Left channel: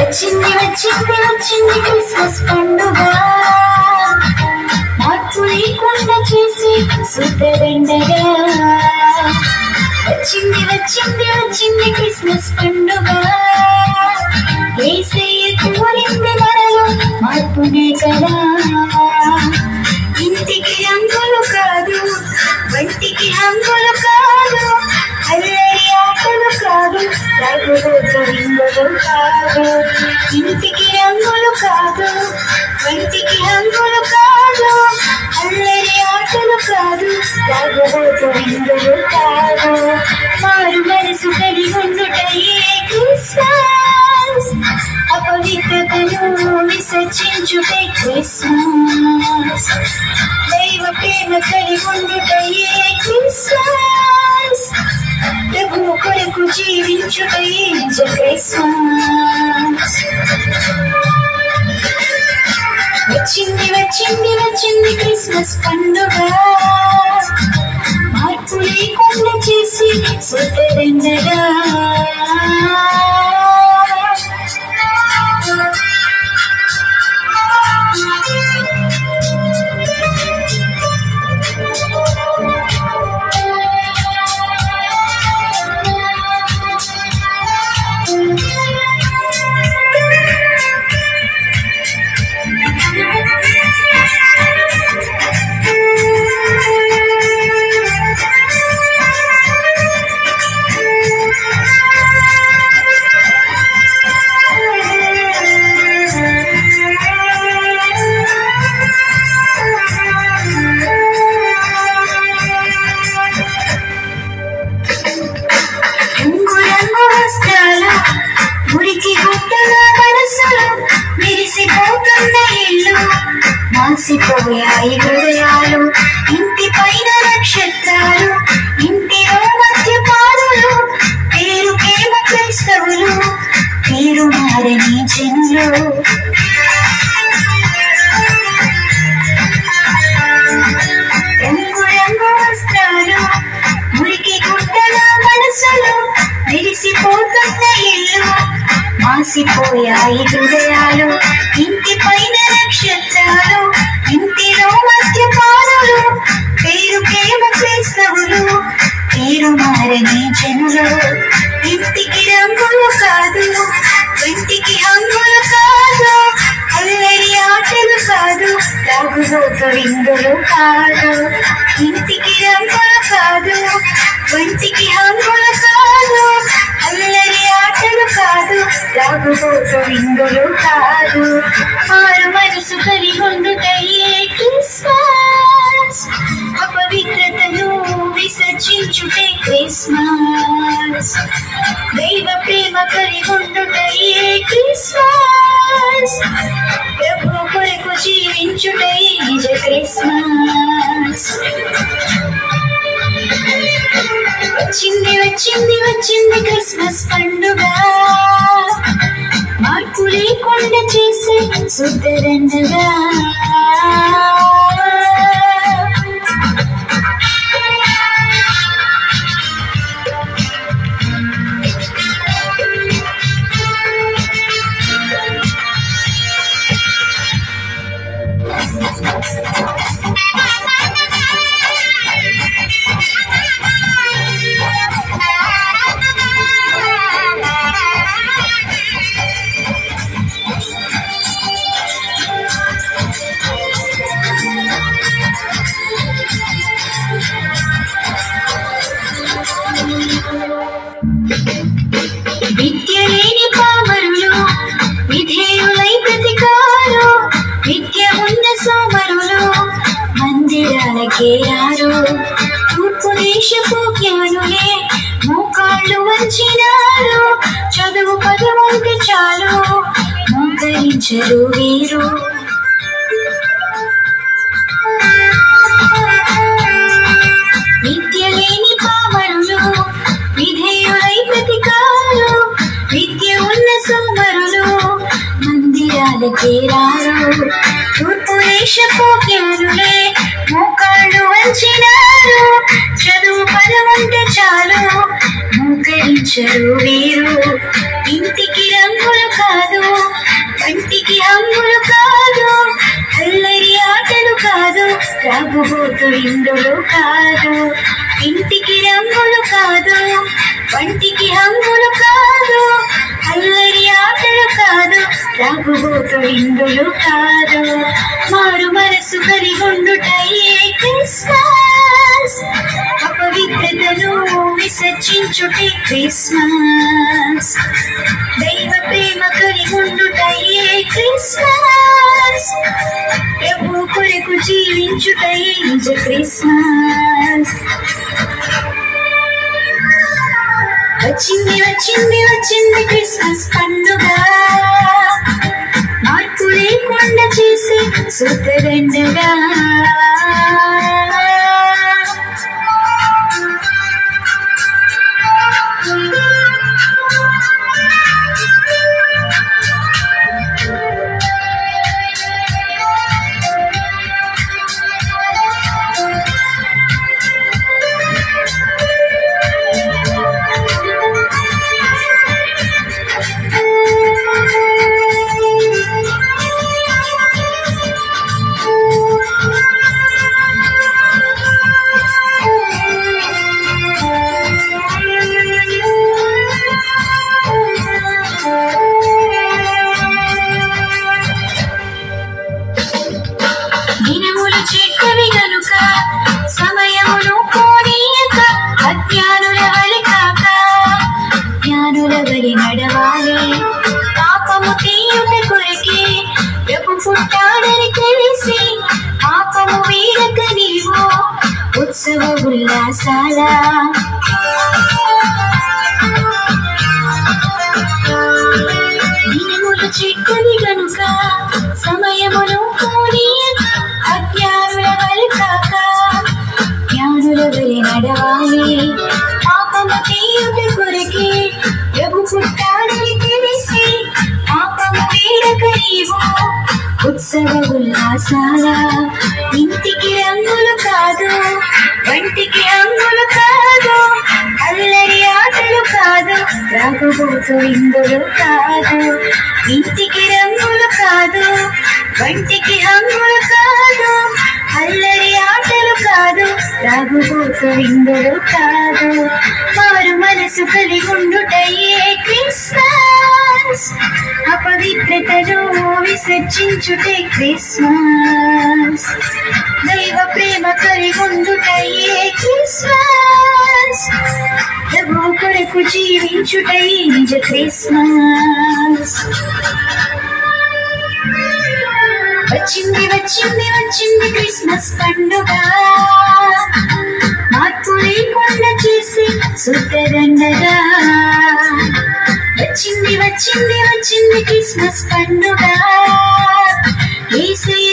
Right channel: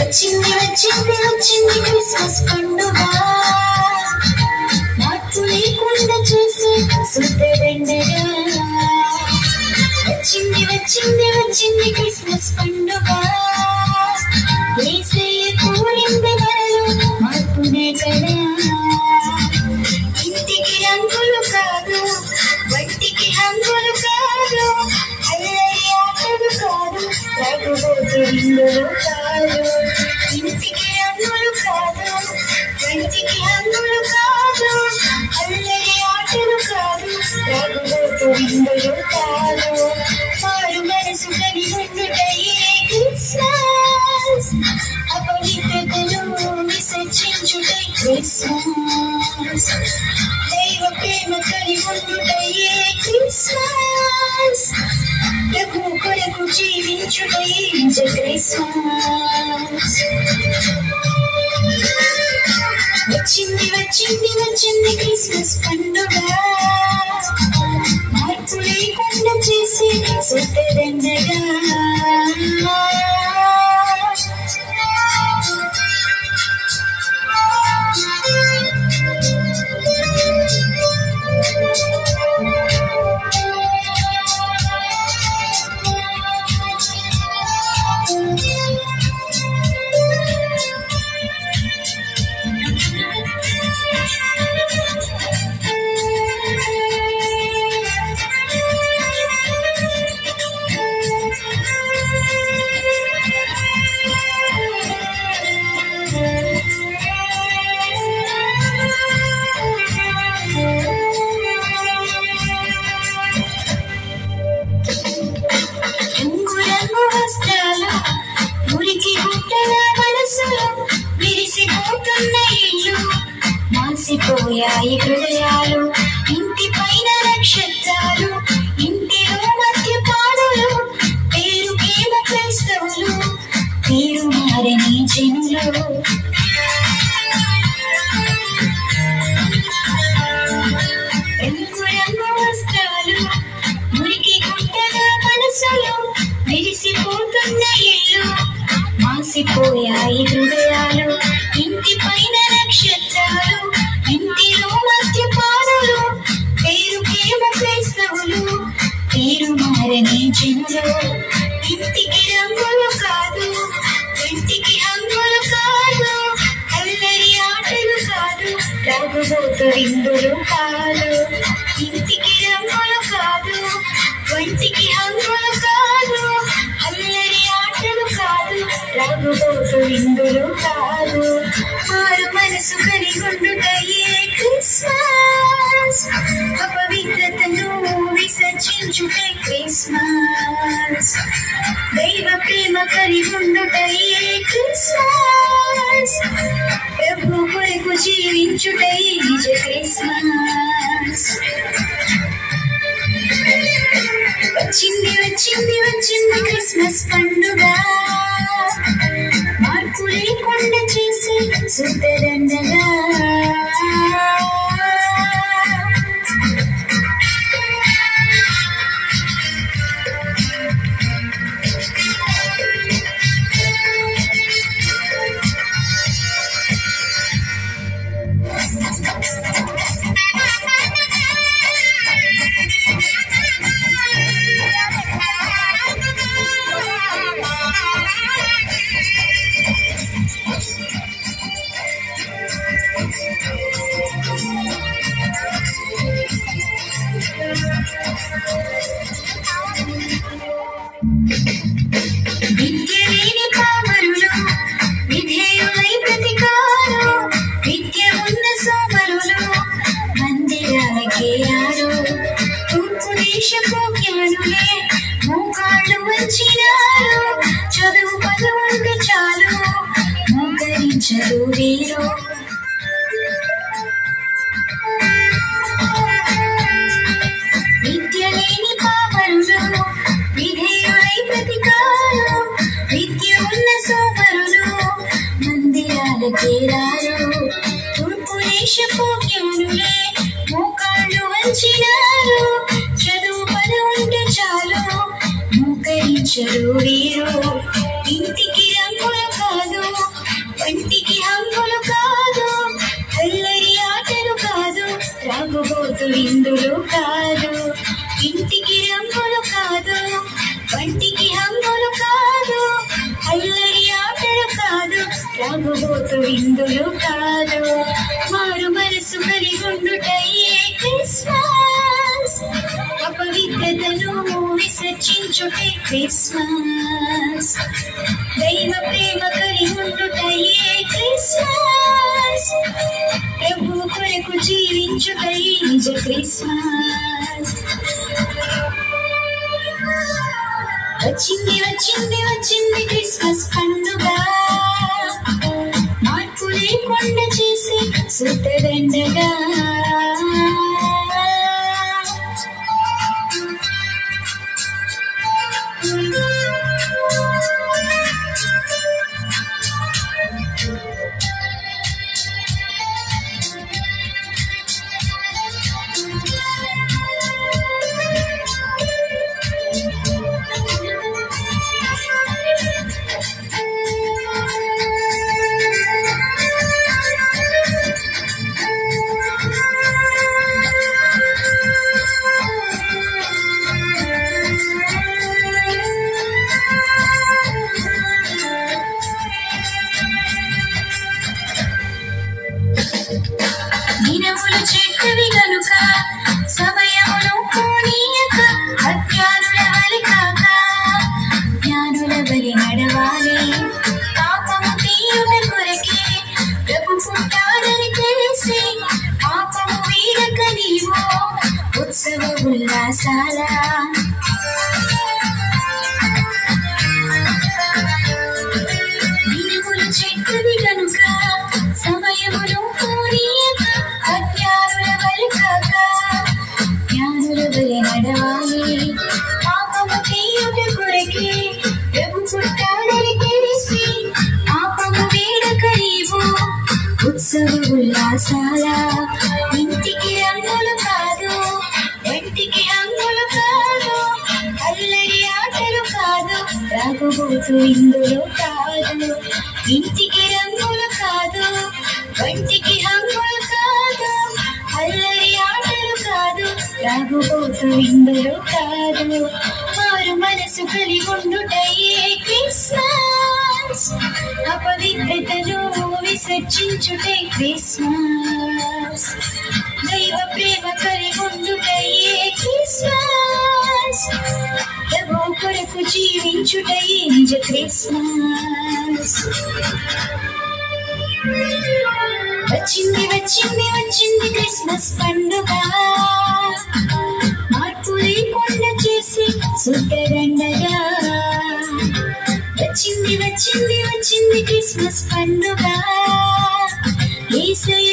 వచ్చింది వచ్చింది వచ్చింది క్రిస్మస్ పండుగ, మార్పు లేకుండా చేసి సుద్దెండగా. వచ్చింది వచ్చింది వచ్చింది క్రిస్మస్ పండుగ, యేసయ్య కోరింది మనలో మార్పునే కదా. ఇంటికి రంగులు కాదు, వంటికి హంగులు కాదు, అల్లరి ఆటలు కాదు, రాగులు కాదు. ఇంటికి రంగులు కాదు, వంటికి హంగులు కాదు, అల్లరి ఆటలు కాదు, రాగులు కాదు. మారు మనసు కలిగి ఉండుటయే క్రిస్మస్, అపవిత్రతను విసర్జించుటే క్రిస్మస్. దైవ ప్రేమ కలిగి ఉండుటయే క్రిస్మస్, ప్రభువు కొరకు జీవించుటయే క్రిస్మస్. వచ్చింది వచ్చింది వచ్చింది క్రిస్మస్ పండుగ, మార్పు లేకుండా చేసి సుద్దెండగా. మాసిపోయాయి హృదయాలు, ఇంటి పైన నక్షత్రాలు, ఇంటిలో మద్యపానులు, పేరుకేమ క్రైస్తవులు, పేరు మారని జనులు. రంగు రంగు వస్త్రాలు, మురికి గుడ్డల మనసులు, విరిసిపోతున్న ఇల్లు, మాసిపోయాయి హృదయాలు, ఇంటి పైన నక్షత్రాలు, ఇంటిలో మద్యపానులు, పేరుకేమ క్రైస్తవులు, పేరు మారని జనులు. ఇంటికి రంగులు కాదు, ఇంటికి హంగులు కాదు, అల్లరి ఆటలు కాదు, తాగుబోతు విందులు కాదు. ఇంటికి రంగులు కాదు, వంటికి హంగులు కాదు, అల్లరి ఆటలు కాదు, తాగుబోతు విందులు కాదు. మారు మనసు కలిగి ఉండుటయే క్రిస్మస్, అపవిత్రతను విసర్జించుటే క్రిస్మస్. దైవ ప్రేమ కలిగి ఉండుటయే క్రిస్మస్, ప్రభు కొరకు జీవించుటయే నిజ క్రిస్మస్. వచ్చింది వచ్చింది వచ్చింది క్రిస్మస్ పండుగ, మార్పు లేకుండా చేసే సుద్దెండగా. విద్య లేని పామరులు, విధేయులై ప్రతికారు, విద్య ఉన్న సోమరులు, మందిరాలకే యారు. తూర్పు దేశపు జ్ఞానులే మోకాళ్ళు వంచినారు, చదువు పదవంక చాలు మోకరించరు వీరు. తాగుబోతు ఇందులో కాదు, ఇంటికి రంగులు కాదు, వంటికి హంగులు కాదు, అల్లరి ఆటలు కాదు, తాగుబోతు ఇందులో కాదు. మారు మనసు కలిగుండుటయే క్రిస్మస్, అపవిత్రతను విసర్జించుటే క్రిస్మస్. దైవ ప్రేమ కలిగుండుటయే క్రిస్మస్, ప్రభు కొరకు జీవించుటయే నిజ క్రిస్మస్. వచ్చింది వచ్చింది వచ్చింది క్రిస్మస్ పండుగ, మార్పు లేకుండా చేసే సుతగండగా. దినములు చెడ్డవి గనుక సమయమును పోనీయక, అజ్ఞానుల వలె కాక జ్ఞానుల వలె నడవాలి. పాపము తీయుట కొరకే ప్రభు పుట్టాడని తెలిసి, పాపము వీడక నీవు ఉత్సవ ఉల్లాసాల. దినములు చెడ్డవి గనుక సమయమును పోనీయక, అజ్ఞానుల వలె కాక జ్ఞానుల వలె నడవాలి. పాపము తీయుట కొరకే ప్రభు పుట్టాడని తెలిసి, పాపము వీడక నీవు ఉత్సవ ఉల్లాసాల. ఇంటికి రంగులు కాదు, వంటికి హంగులు కాదు, అల్లరి ఆటలు కాదు, త్రాగుబోతు ఇందులో కాదు. ఇంటికి రంగులు కాదు, వంటికి హంగులు కాదు, అల్లరి ఆటలు కాదు, త్రాగుబోతు ఇందులో కాదు. మారు మనసు కలిగుండుటయే క్రిస్మస్, అపవిత్రతను విసర్జించుటే క్రిస్మస్. దైవ ప్రేమ కలిగుండుటయే క్రిస్మస్, ప్రభు కొరకు జీవించుటయే నిజ క్రిస్మస్. వచ్చింది వచ్చింది వచ్చింది క్రిస్మస్ పండుగ, మార్పు లేకుండా చేసి సుతగండగా. వచ్చింది వచ్చింది వచ్చింది క్రిస్మస్ పండుగ, యేసయ్య